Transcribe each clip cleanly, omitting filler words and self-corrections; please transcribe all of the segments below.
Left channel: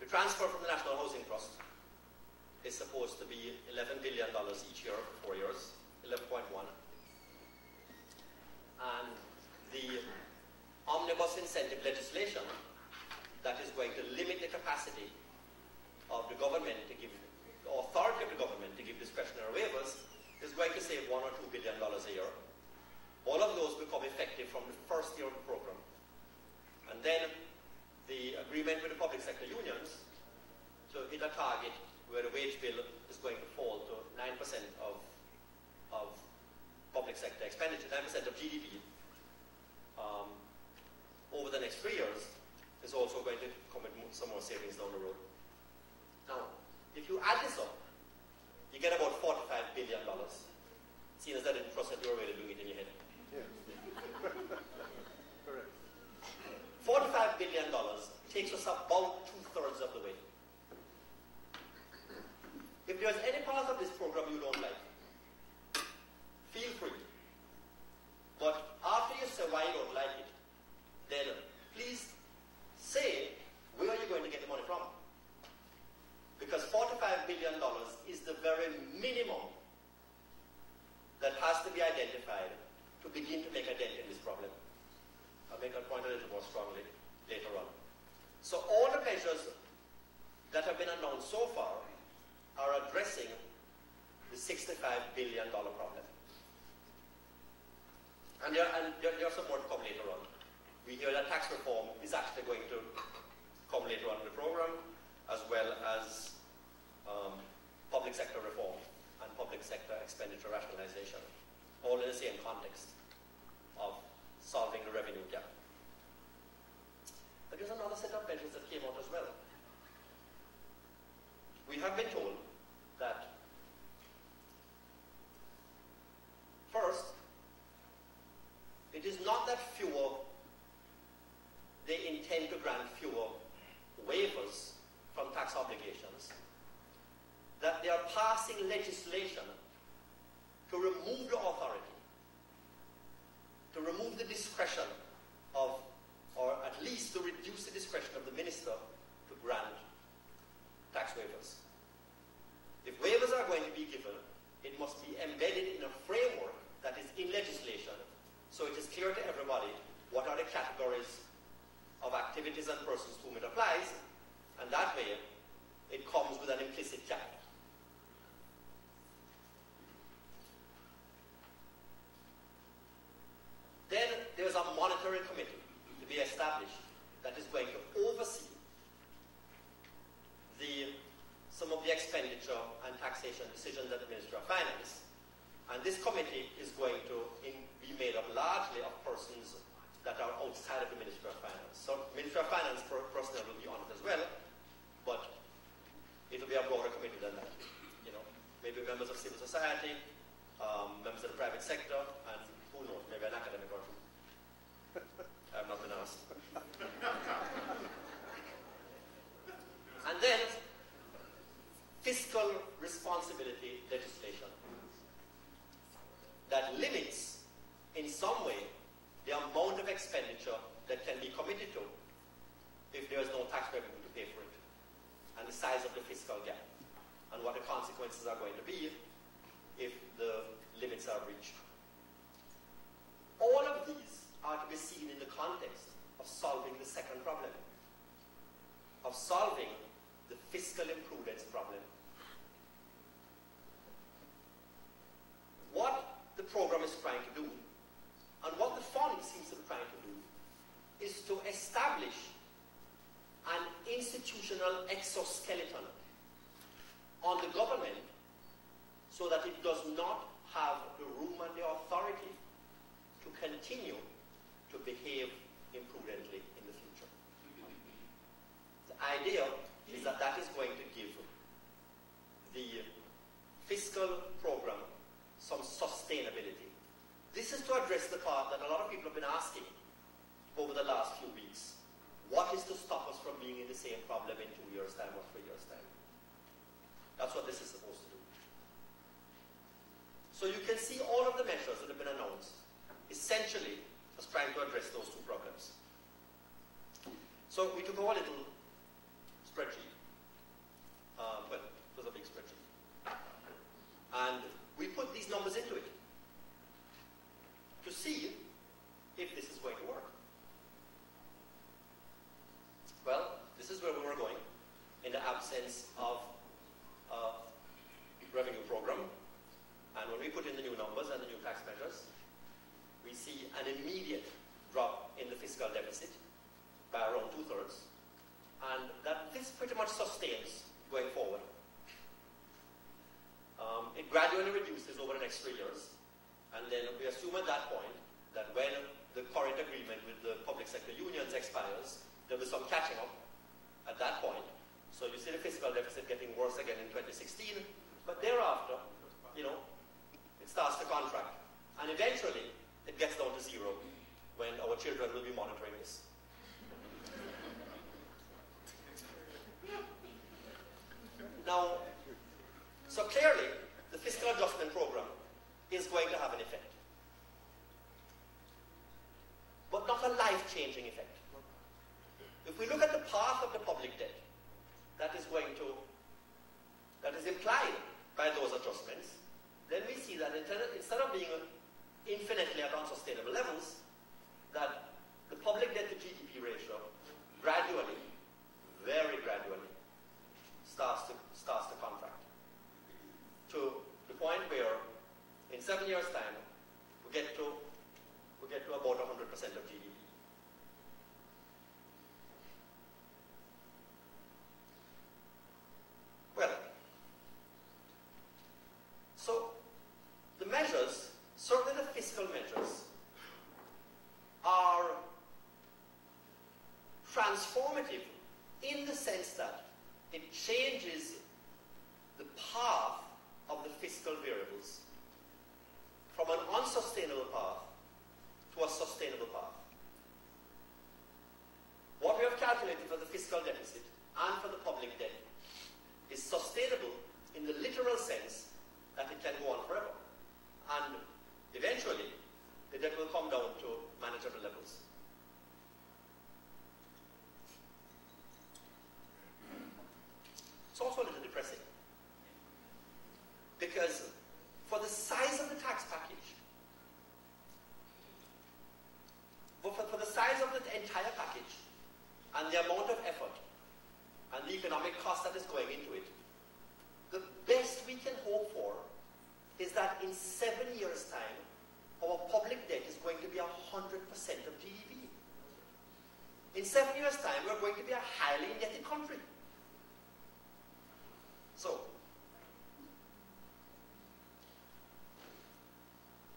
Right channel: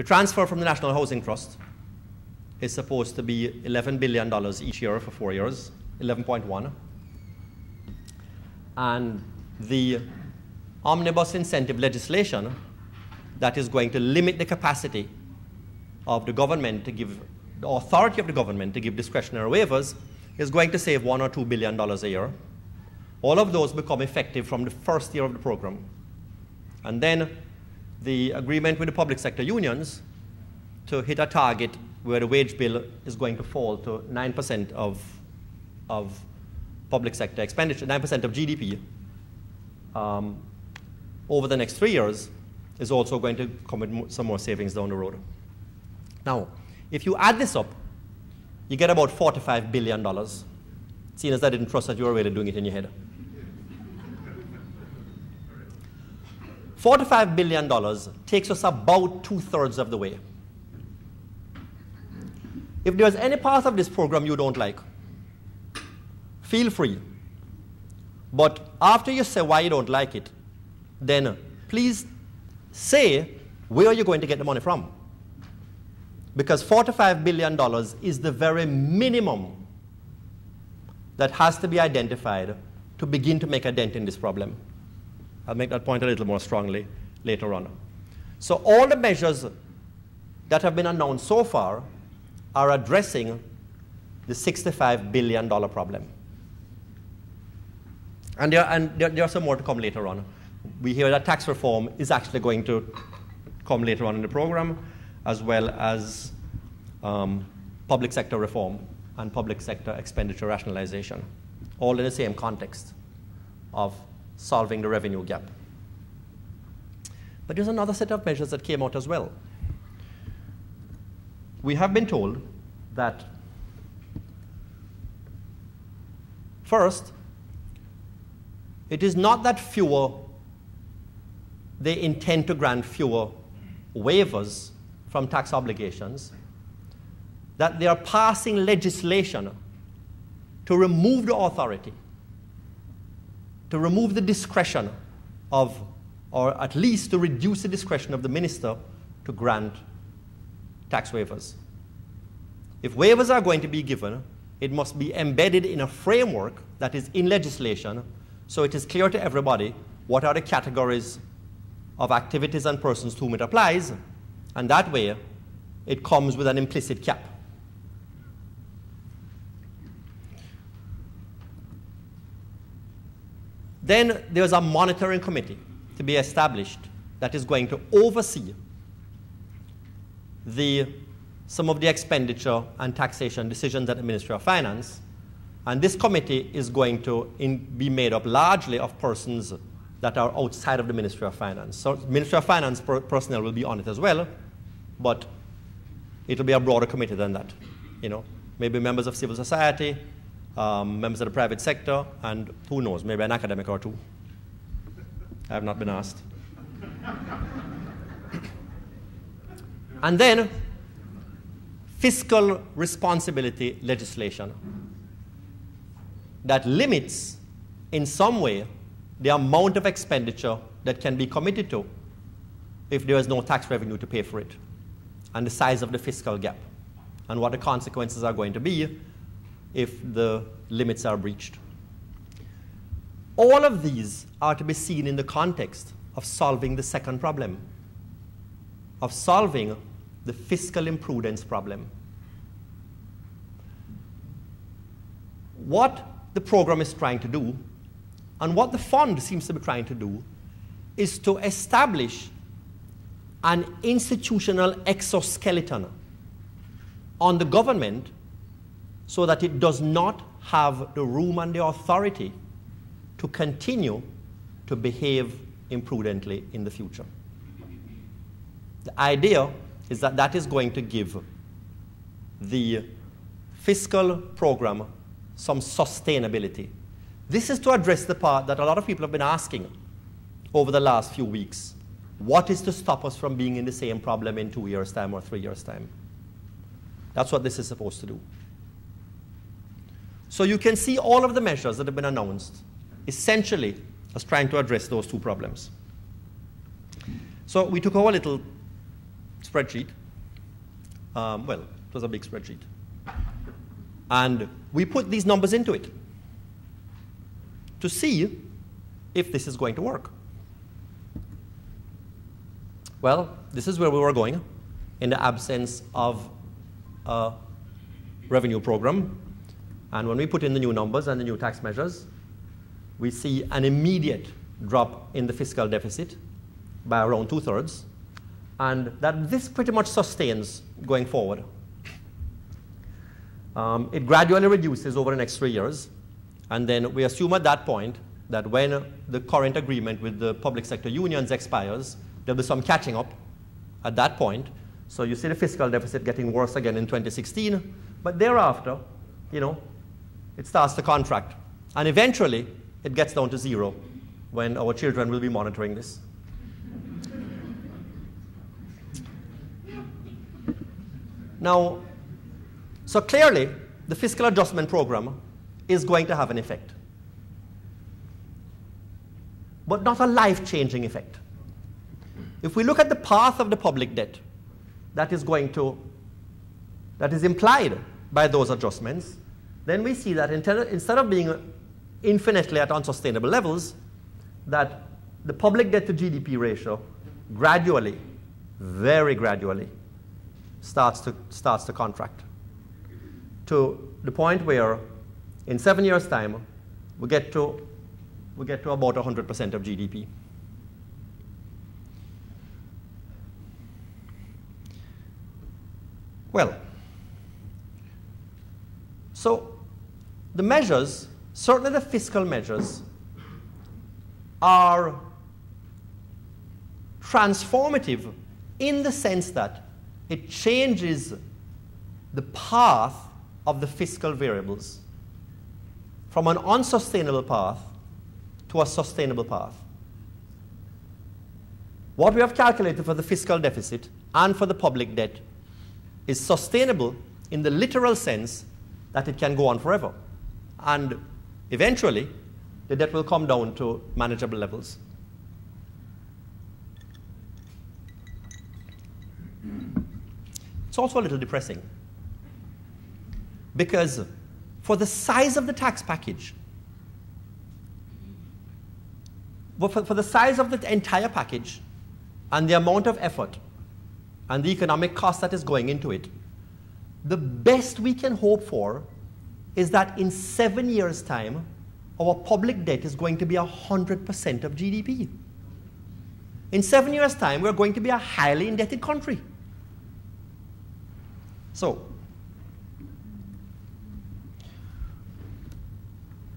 The transfer from the National Housing Trust is supposed to be $11 billion each year for 4 years, 11.1. And the omnibus incentive legislation that is going to limit the capacity of the government to give, the authority of the government to give discretionary waivers is going to save $1 or $2 billion a year. All of those become effective from the first year of the program. And then the agreement with the public sector unions to hit a target where the wage bill is going to fall to 9% of public sector expenditure, 9% of GDP over the next 3 years is also going to come with some more savings down the road. Now, if you add this up, you get about $45 billion, seeing as I didn't trust that you were already doing it in your head. $45 billion takes us about 2/3 of the way. If there's any part of this program you don't like, feel free. But after you say why you don't like it, then please say where you're going to get the money from. Because $45 billion is the very minimum that has to be identified to begin to make a dent in this problem. I'll make that point a little more strongly later on. So all the measures that have been announced so far are addressing the $65 billion problem. And there are some more to come later on. We hear that tax reform is actually going to come later on in the program, as well as public sector reform and public sector expenditure rationalization, all in the same context of solving the revenue gap. But there's another set of measures that came out as well. We have been told that, first, it is not that they intend to grant fewer waivers from tax obligations, that they are passing legislation to remove the authority, to remove the discretion of, or at least to reduce the discretion of the minister to grant tax waivers. If waivers are going to be given, it must be embedded in a framework that is in legislation, so it is clear to everybody what are the categories of activities and persons to whom it applies, and that way it comes with an implicit cap. Then there's a monitoring committee to be established that is going to oversee some of the expenditure and taxation decisions at the Ministry of Finance. And this committee is going to be made up largely of persons that are outside of the Ministry of Finance. So Ministry of Finance personnel will be on it as well, but it will be a broader committee than that. Maybe members of civil society, members of the private sector, and who knows, maybe an academic or two. I have not been asked. And then fiscal responsibility legislation that limits in some way the amount of expenditure that can be committed to if there is no tax revenue to pay for it, and the size of the fiscal gap, and what the consequences are going to be if the limits are breached. All of these are to be seen in the context of solving the second problem, of solving the fiscal imprudence problem. What the program is trying to do, and what the fund seems to be trying to do, is to establish an institutional exoskeleton on the government so that it does not have the room and the authority to continue to behave imprudently in the future. The idea is that that is going to give the fiscal program some sustainability. This is to address the part that a lot of people have been asking over the last few weeks. What is to stop us from being in the same problem in 2 years' time or 3 years' time? That's what this is supposed to do. So you can see all of the measures that have been announced essentially as trying to address those two problems. So we took our little spreadsheet. Well, it was a big spreadsheet. And we put these numbers into it to see if this is going to work. Well, this is where we were going in the absence of a revenue program. And when we put in the new numbers and the new tax measures, we see an immediate drop in the fiscal deficit by around 2/3, and that this pretty much sustains going forward. It gradually reduces over the next 3 years, and then we assume at that point that when the current agreement with the public sector unions expires, there'll be some catching up at that point. So you see the fiscal deficit getting worse again in 2016, but thereafter, you know, it starts to contract. And eventually, it gets down to 0 when our children will be monitoring this. Now, so clearly, the fiscal adjustment program is going to have an effect, but not a life-changing effect. If we look at the path of the public debt that is implied by those adjustments, then we see that instead of being infinitely at unsustainable levels, that the public debt to GDP ratio gradually, very gradually, starts to contract to the point where in 7 years' time we get to about 100% of GDP. Well, so the measures, certainly the fiscal measures, are transformative in the sense that it changes the path of the fiscal variables from an unsustainable path to a sustainable path. What we have calculated for the fiscal deficit and for the public debt is sustainable in the literal sense that it can go on forever. And eventually, the debt will come down to manageable levels. It's also a little depressing because for the size of the tax package, for the size of the entire package and the amount of effort and the economic cost that is going into it, the best we can hope for is that in 7 years' time, our public debt is going to be 100% of GDP. In 7 years' time, we're going to be a highly indebted country. So,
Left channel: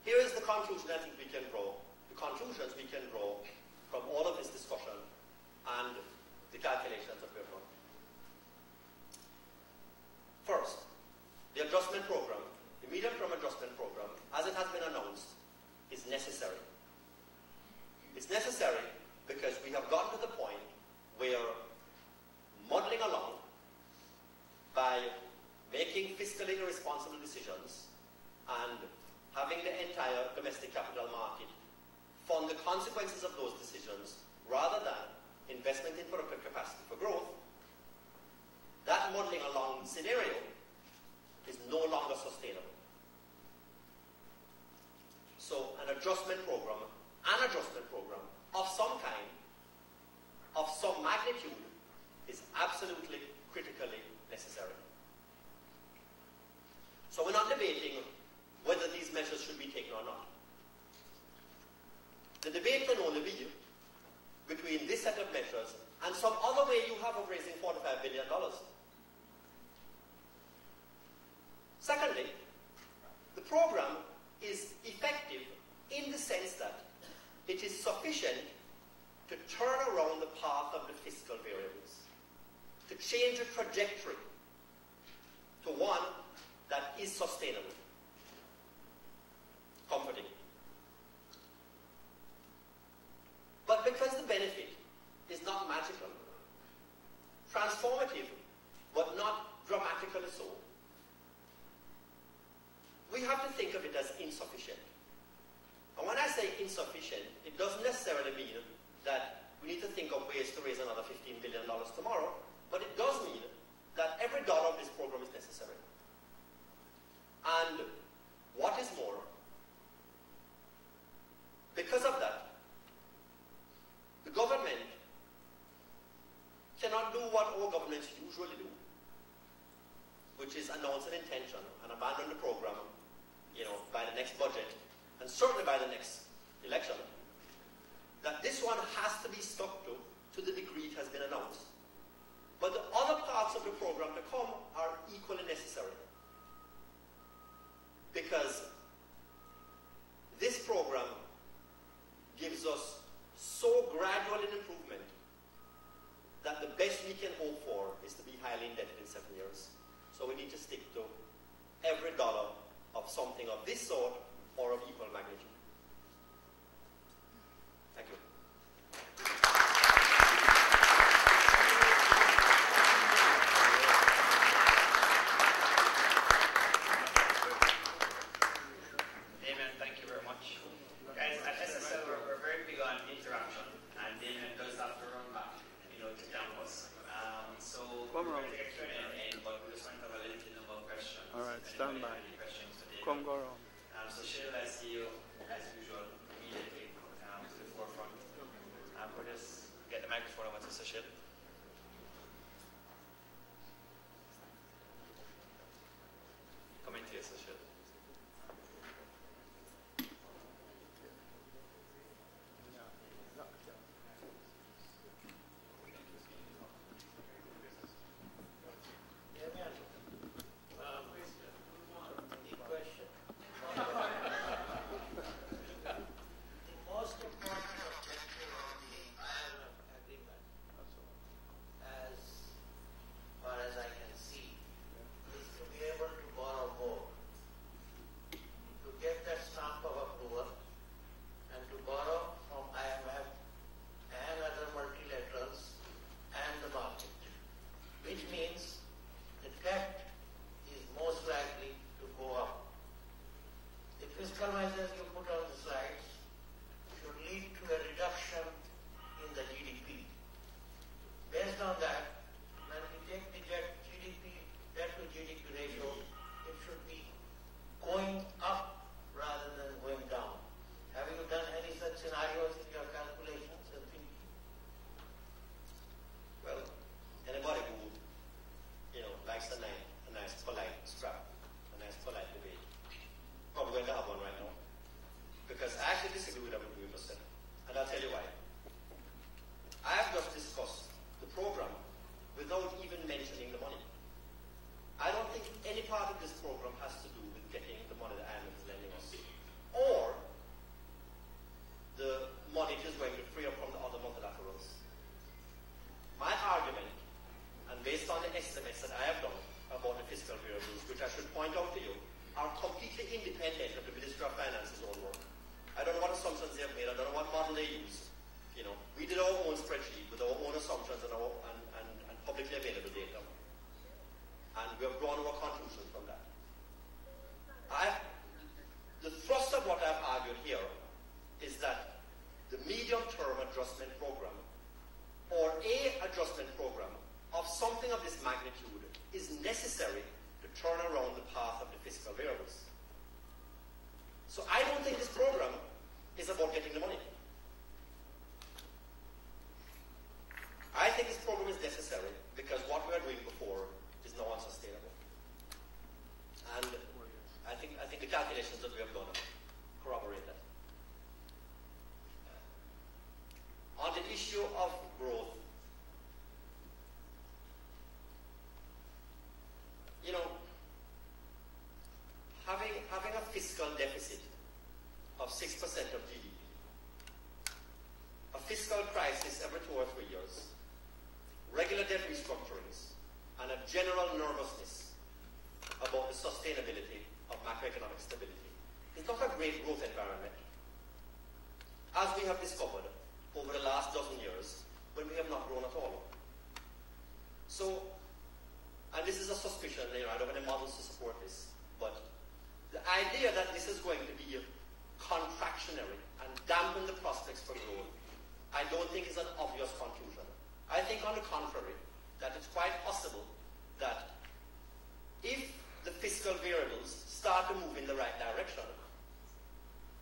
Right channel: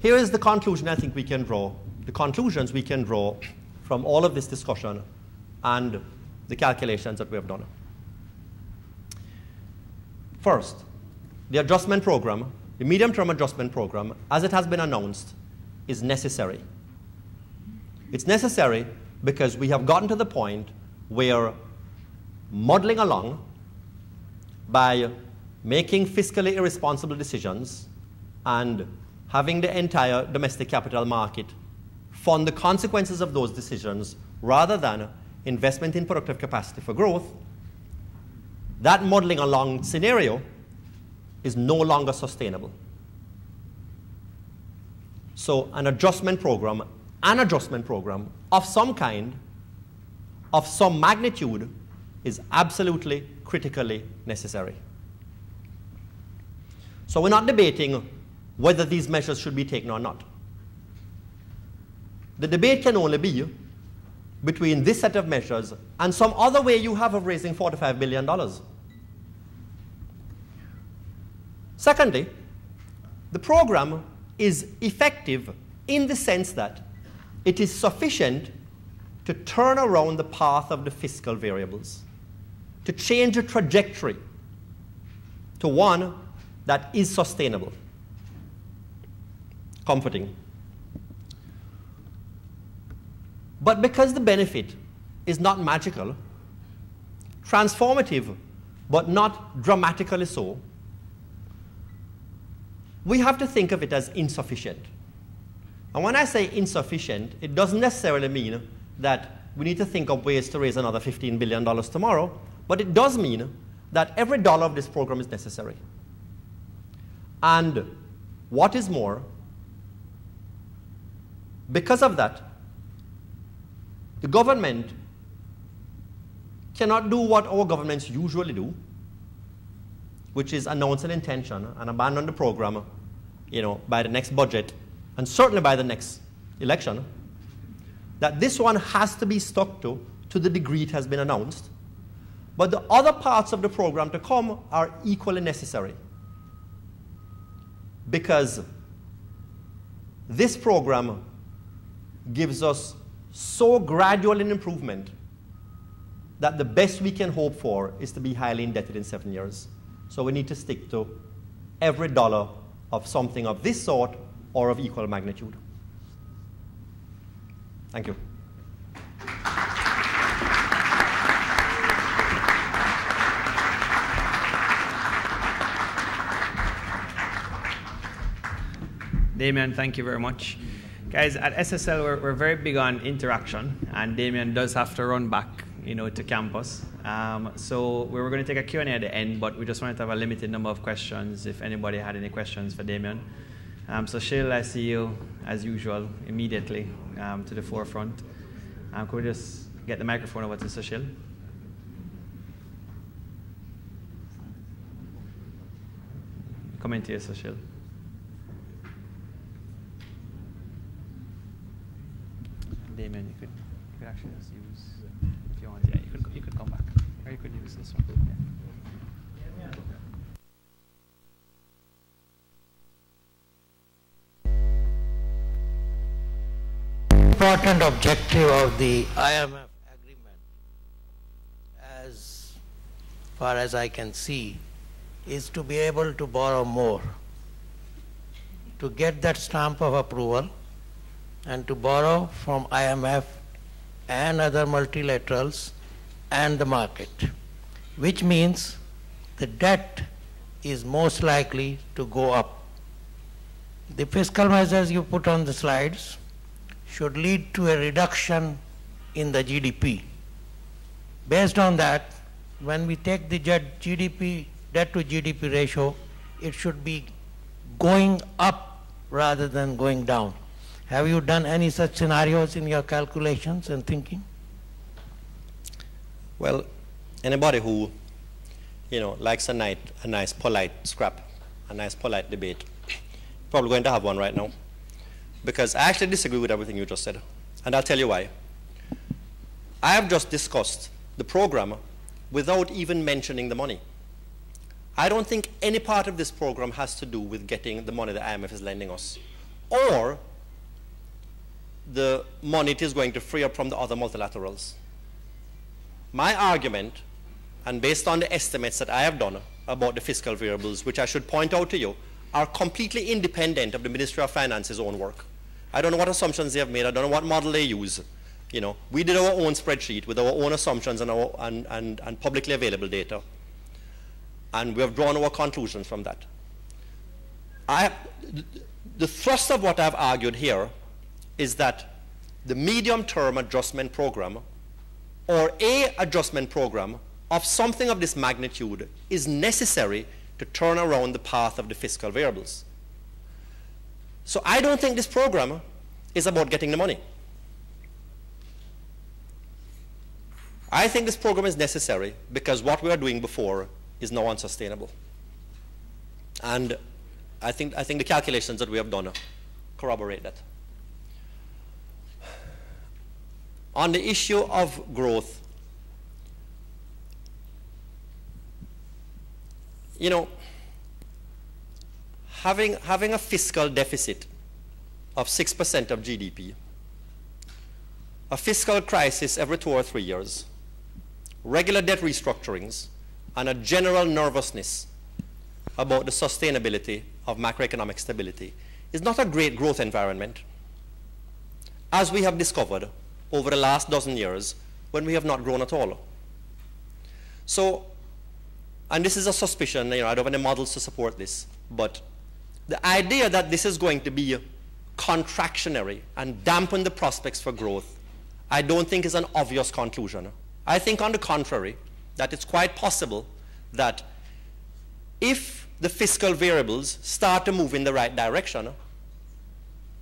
here is the conclusion I think we can draw, the conclusions we can draw from all of this discussion and the calculations that we have done. First, the adjustment program, the medium-term adjustment program, as it has been announced, is necessary. It's necessary because we have gotten to the point where muddling along by making fiscally irresponsible decisions and having the entire domestic capital market fund the consequences of those decisions rather than investment in productive capacity for growth, that muddling along scenario is no longer sustainable. So an adjustment program of some kind, of some magnitude, is absolutely critically necessary. So we're not debating whether these measures should be taken or not. The debate can only be between this set of measures and some other way you have of raising $45 billion. Secondly, the program is effective in the sense that it is sufficient to turn around the path of the fiscal variables, to change a trajectory to one that is sustainable. Comforting. But because the benefit is not magical, transformative, but not dramatically so, we have to think of it as insufficient. And when I say insufficient, it doesn't necessarily mean that we need to think of ways to raise another $15 billion tomorrow. But it does mean that every dollar of this program is necessary. And what is more, because of that, the government cannot do what our governments usually do, which is announce an intention and abandon the program, by the next budget, and certainly by the next election. That this one has to be stuck to the degree it has been announced. But the other parts of the program to come are equally necessary, because this program gives us so gradual an improvement that the best we can hope for is to be highly indebted in 7 years. So we need to stick to every dollar of something of this sort or of equal magnitude. Thank you. Damien, thank you very much. Guys, at SSL, we're very big on interaction, and Damien does have to run back, to campus. So we were going to take a Q&A at the end, but we just wanted to have a limited number of questions if anybody had any questions for Damien. So Shil, I see you, as usual, immediately to the forefront. Could we just get the microphone over to Sushil? Coming to you, Sushil. Damien, you could actually just use, if you want, you could come back, or you could use this one. Important objective of the IMF agreement, as far as I can see, is to be able to borrow more, to get that stamp of approval, and to borrow from IMF and other multilaterals and the market, which means the debt is most likely to go up. The fiscal measures you put on the slides should lead to a reduction in the GDP. Based on that, when we take the debt to GDP ratio, it should be going up rather than going down. Have you done any such scenarios in your calculations and thinking? Well, anybody who, likes a nice polite scrap, a nice polite debate, probably going to have one right now. Because I actually disagree with everything you just said. And I'll tell you why. I have just discussed the program without even mentioning the money. I don't think any part of this program has to do with getting the money the IMF is lending us, or the money it is going to free up from the other multilaterals. My argument, and based on the estimates that I have done about the fiscal variables, which I should point out to you, are completely independent of the Ministry of Finance's own work. I don't know what assumptions they have made. I don't know what model they use. We did our own spreadsheet with our own assumptions and publicly available data. And we have drawn our conclusions from that. The thrust of what I've argued here is that the medium-term adjustment program, or a adjustment program of something of this magnitude, is necessary to turn around the path of the fiscal variables. So I don't think this program is about getting the money. I think this program is necessary because what we were doing before is now unsustainable. And I think the calculations that we have done corroborate that. On the issue of growth, having a fiscal deficit of 6% of GDP, a fiscal crisis every 2 or 3 years, regular debt restructurings, and a general nervousness about the sustainability of macroeconomic stability is not a great growth environment, as we have discovered over the last dozen years when we have not grown at all. So, and this is a suspicion, I don't have any models to support this, but the idea that this is going to be contractionary and dampen the prospects for growth, I don't think is an obvious conclusion. I think, on the contrary, that it's quite possible that if the fiscal variables start to move in the right direction,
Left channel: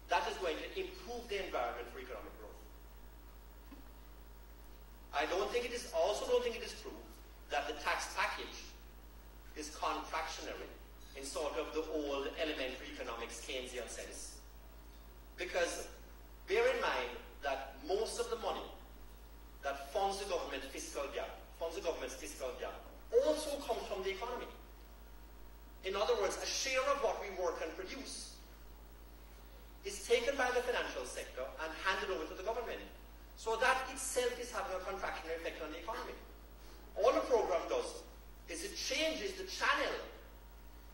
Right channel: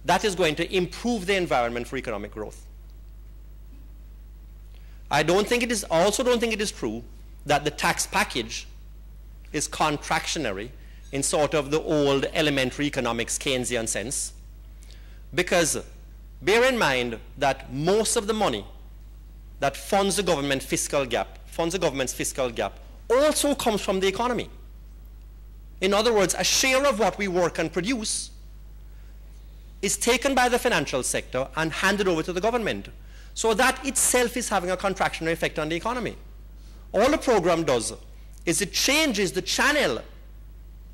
that is going to improve the environment for economic growth. I also don't think it is true that the tax package is contractionary in sort of the old elementary economics Keynesian sense, because bear in mind that most of the money that funds the government's fiscal gap also comes from the economy. In other words, a share of what we work and produce is taken by the financial sector and handed over to the government. So that itself is having a contractionary effect on the economy. All the program does is it changes the channel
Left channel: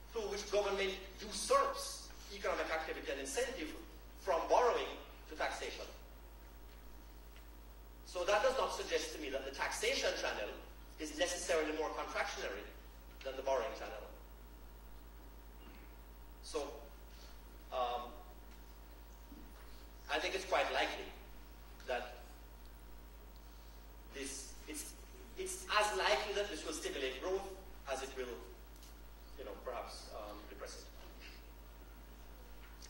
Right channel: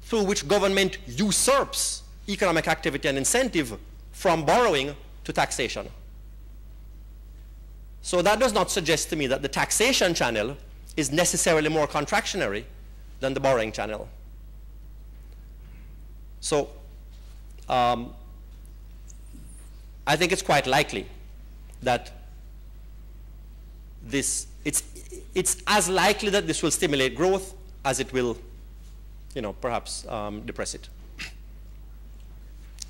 through which government usurps economic activity and incentive from borrowing to taxation. So that does not suggest to me that the taxation channel is necessarily more contractionary than the borrowing channel. So I think it's quite likely that it's as likely that this will stimulate growth as it will, perhaps depress it.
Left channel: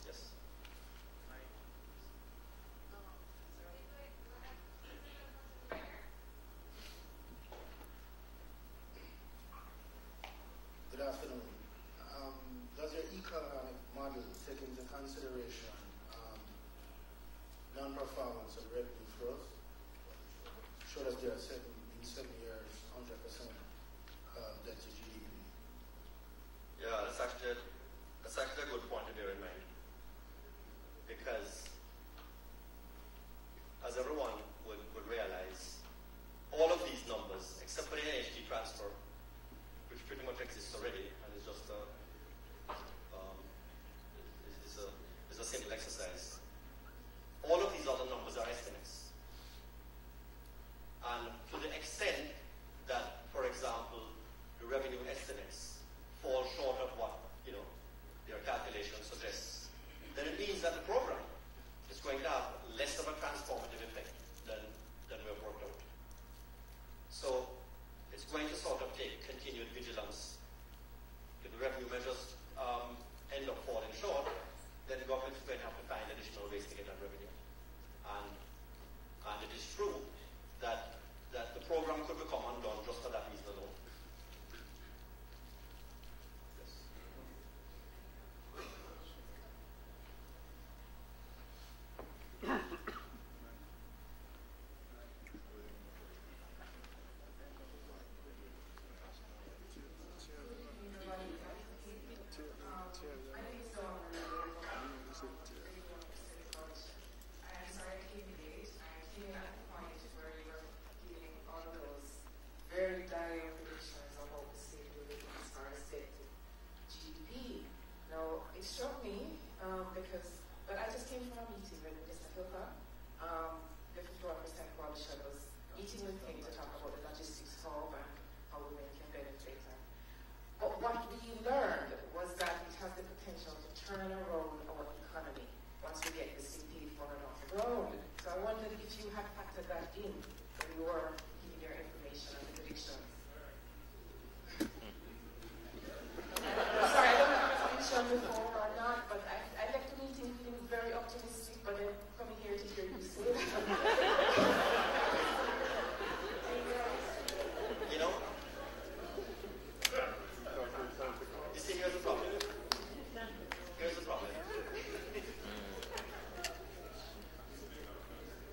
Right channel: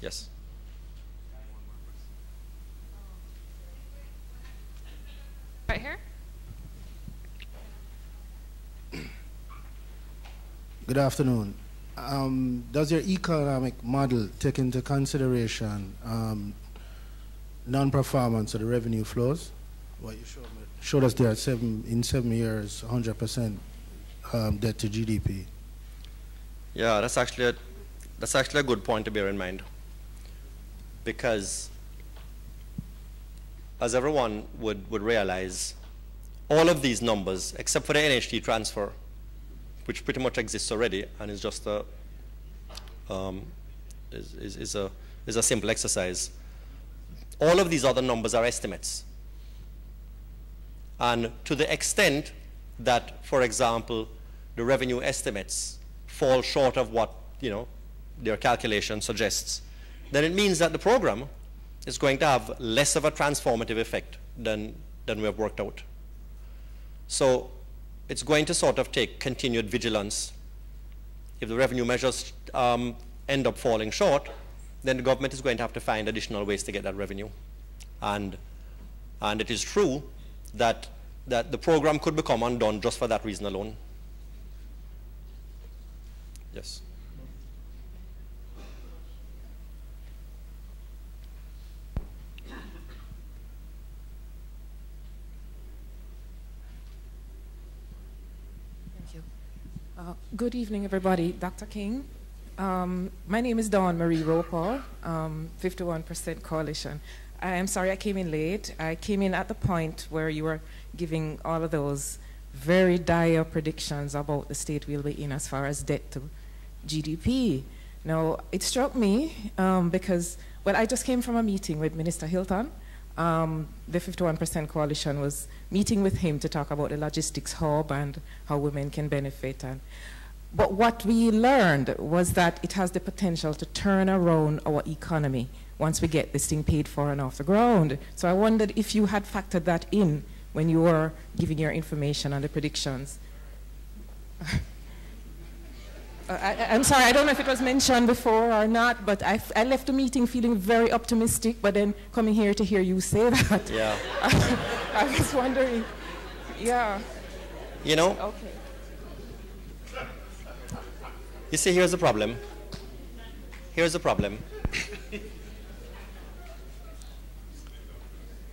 Yes. Right here. Good afternoon. Does your economic model take into consideration non-performance of the revenue flows? Well, you showed us there in 7 years, 100% debt to GDP. Yeah, that's actually a good point to bear in mind, because as everyone would realize, all of these numbers, except for the NHT transfer, which pretty much exists already and is just a simple exercise, all of these other numbers are estimates. And to the extent that, for example, the revenue estimates fall short of what their calculation suggests, then it means that the program is going to have less of a transformative effect than we have worked out. So it's going to sort of take continued vigilance. If the revenue measures end up falling short, then the government is going to have to find additional ways to get that revenue. And it is true that the program could become undone just for that reason alone. Yes. Good evening, everybody. Dr. King. My name is Dawn Marie Roper, 51% Coalition. I am sorry I came in late. I came in at the point where you were giving all of those very dire predictions about the state we'll be in as far as debt to GDP. Now, it struck me because, well, I just came from a meeting with Minister Hilton. The 51% Coalition was meeting with him to talk about the logistics hub and how women can benefit. But what we learned was that it has the potential to turn around our economy once we get this thing paid for and off the ground. So I wondered if you had factored that in when you were giving your information on the predictions. I'm sorry, I don't know if it was mentioned before or not, but I left the meeting feeling very optimistic, but then coming here to hear you say that, yeah. I was wondering, yeah. Okay. You see, here's the problem. Here's the problem.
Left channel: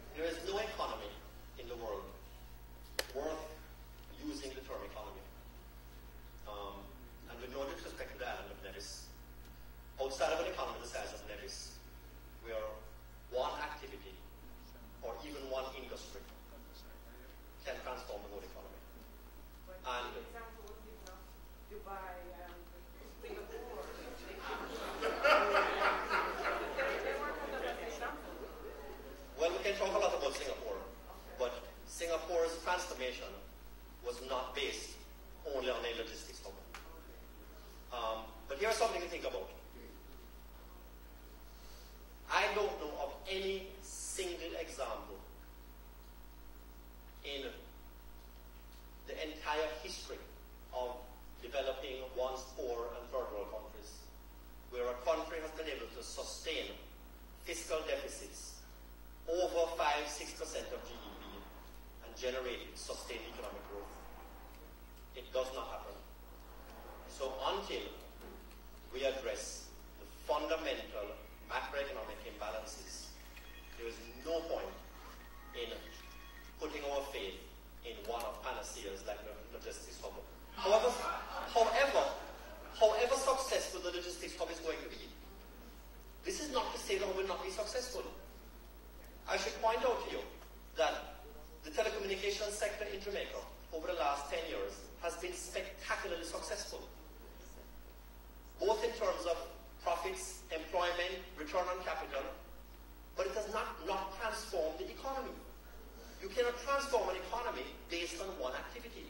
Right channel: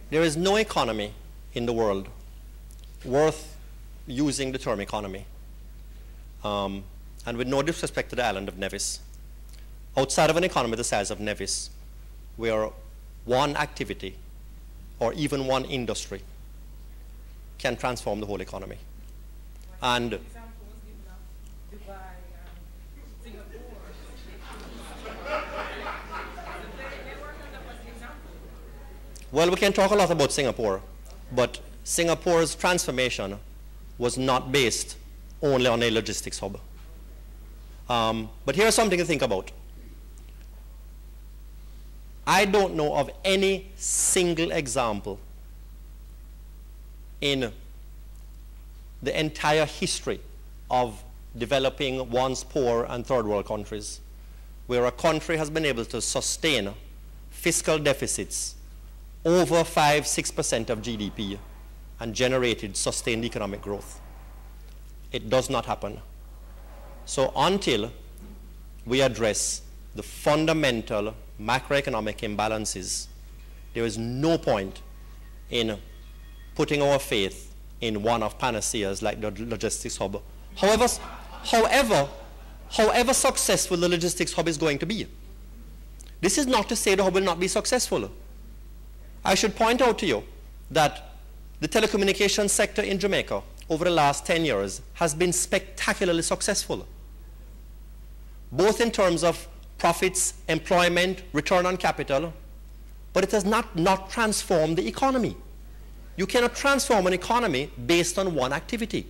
There is no economy in the world worth using the term economy. And with no disrespect to the island of Nevis, outside of an economy the size of Nevis, where one activity or even one industry can transform the whole economy. And well, we can talk a lot about Singapore, but Singapore's transformation was not based only on a logistics hub. But here's something to think about. I don't know of any single example in the entire history of developing once poor and third world countries, where a country has been able to sustain fiscal deficits over 5–6% of GDP and generated sustained economic growth. It does not happen. So until we address the fundamental macroeconomic imbalances, there is no point in putting our faith in one of panaceas like the logistics hub. However successful the logistics hub is going to be. This is not to say the hub will not be successful. I should point out to you that the telecommunications sector in Jamaica over the last 10 years has been spectacularly successful, both in terms of profits, employment, return on capital, but it has not transformed the economy. You cannot transform an economy based on one activity.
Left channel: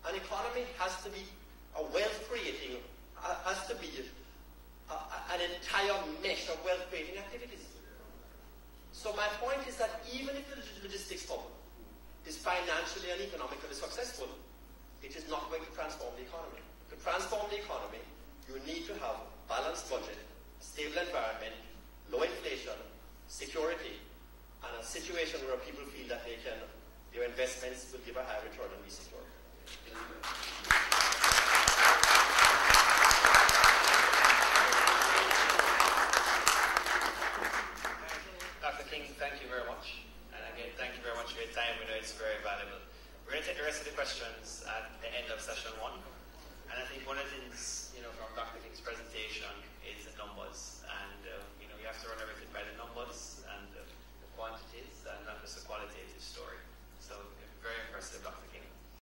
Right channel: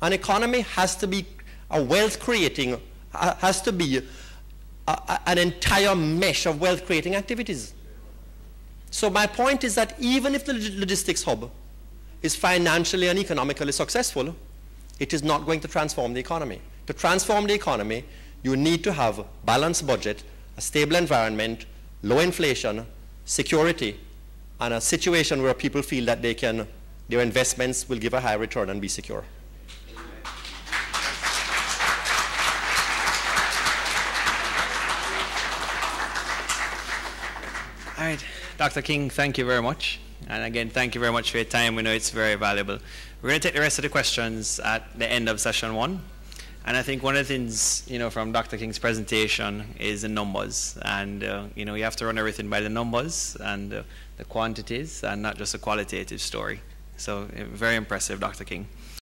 An economy has to be a wealth creating, has to be an entire mesh of wealth creating activities. So my point is that even if the logistics hub is financially and economically successful, it is not going to transform the economy. To transform the economy, you need to have a balanced budget, a stable environment, low inflation, security, and a situation where people feel that their investments will give a high return and be secure. All right, Dr. King, thank you very much. And again, thank you very much for your time. We know it's very valuable. We're going to take the rest of the questions at the end of session 1. And I think one of the things, from Dr. King's presentation is the numbers. And, you have to run everything by the numbers and the quantities and not just a qualitative story. So very impressive, Dr. King.